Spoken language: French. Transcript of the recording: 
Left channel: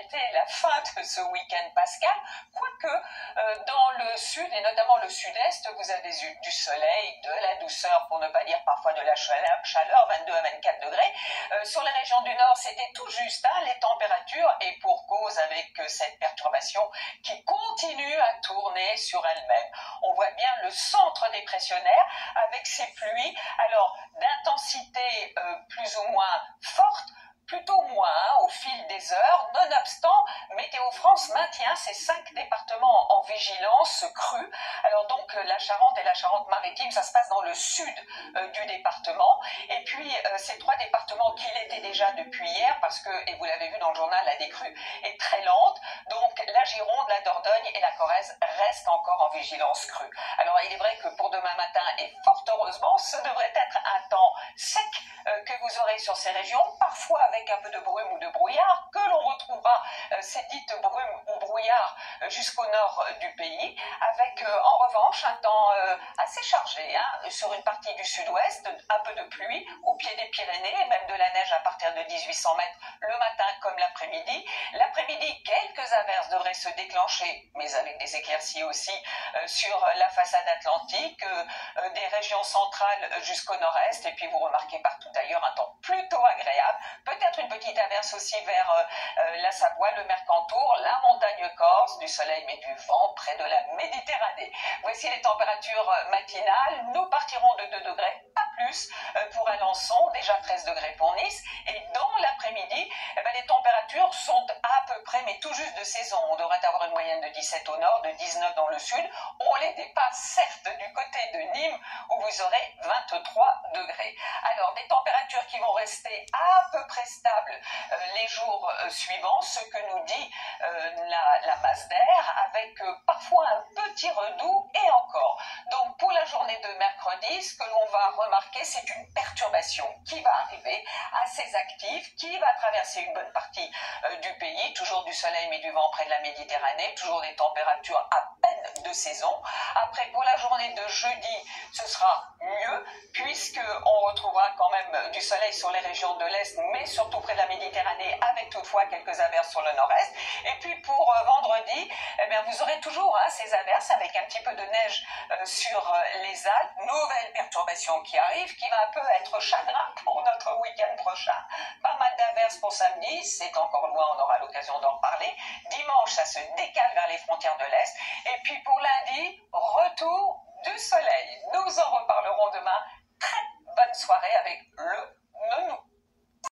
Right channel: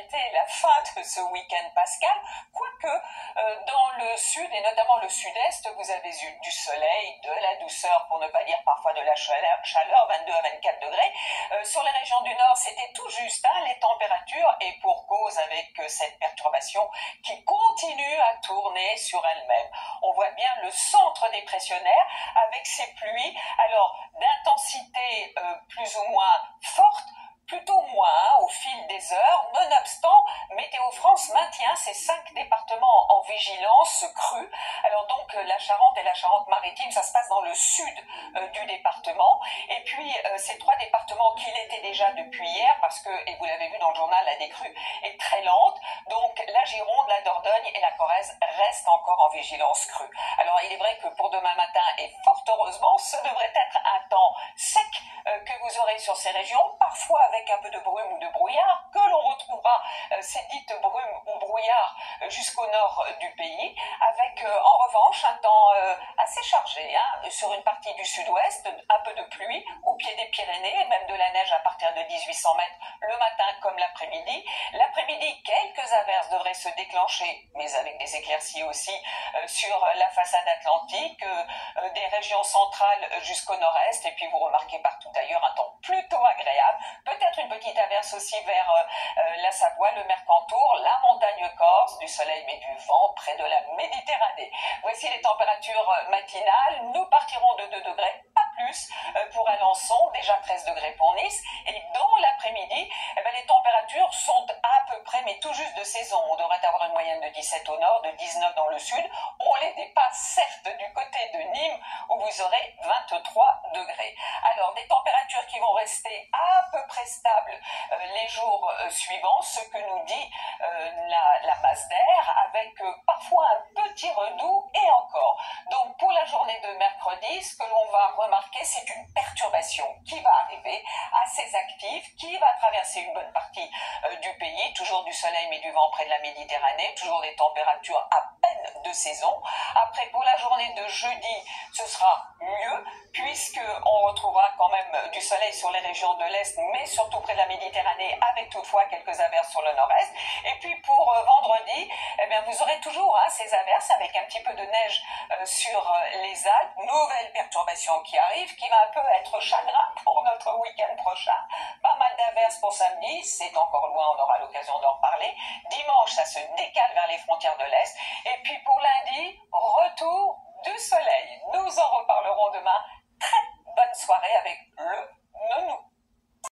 été la fin de ce week-end pascal, quoique dans le sud et notamment le sud-est, vous avez eu du soleil, de la douceur, pour ne pas dire parfois de la chaleur, 22 à 24 degrés. Sur les régions du nord, c'était tout juste les températures, et pour cause avec cette perturbation qui continue à tourner sur elle-même. On voit bien le centre dépressionnaire avec ses pluies, alors d'intensité plus ou moins forte, plutôt moins au fil des heures. Nonobstant, Météo France maintient ces 5 départements en vigilance crue. Alors donc la Charente et la Charente-Maritime, ça se passe dans le sud du département. Et puis ces 3 départements qui l'étaient déjà depuis hier, parce que, et vous l'avez vu dans le journal, la décrue est très lente. Donc la Gironde, la Dordogne et la Corrèze restent encore en vigilance crue. Alors il est vrai que pour demain matin, et fort heureusement, ce devrait être un temps sec que vous aurez sur ces régions, parfois avec un peu de brume ou de brouillard, que l'on retrouvera ces dites brumes ou brouillards jusqu'au nord du pays, avec en revanche un temps assez chargé sur une partie du sud-ouest, un peu de pluie au pied des Pyrénées, et même de la neige à partir de 1800 mètres le matin comme l'après-midi. L'après-midi, quelques averses devraient se déclencher, mais avec des éclaircies aussi sur la façade atlantique, des régions centrales jusqu'au nord-est, et puis vous remarquez partout ailleurs un temps plutôt agréable, peut-être une petite averse aussi vers la Savoie, le Mercantour, la montagne corse, du soleil mais du vent près de la Méditerranée. Voici les températures matinales. Nous partirons de 2 degrés, pas plus, pour Alençon, déjà 13 degrés pour Nice, et dans l'après-midi, les températures sont à peu près, mais tout juste de saison. On devrait avoir une moyenne de 17 au nord, de 19 dans le sud. On les dépasse certes du côté de Nîmes, où vous aurez 23 degrés. Alors, des températures qui vont rester à peu près stables les jours suivants, ce que nous dit la masse d'air, avec parfois un petit redoux, et encore. Donc, pour la journée de mercredi, ce que l'on va remarquer, c'est une perturbation qui va arriver assez active, qui va traverser une bonne partie du pays, toujours du soleil mais du vent près de la Méditerranée, toujours des températures à peine de saison. Après, pour la journée de jeudi, ce sera mieux, puisqu'on retrouvera quand même du soleil sur les régions de l'Est, mais surtout près de la Méditerranée, avec toutefois quelques averses sur le nord-est. Et puis pour vendredi, vous aurez toujours ces averses avec un petit peu de neige sur les Alpes. Nouvelle perturbation qui arrive, qui va un peu être chagrin pour notre week-end prochain. Pas mal d'averses pour samedi, c'est encore loin, on aura l'occasion d'en reparler. Dimanche, ça se décale vers les frontières de l'Est. Et puis pour lundi, retour du soleil. Nous en reparlerons demain. Très bonne soirée avec le nounou.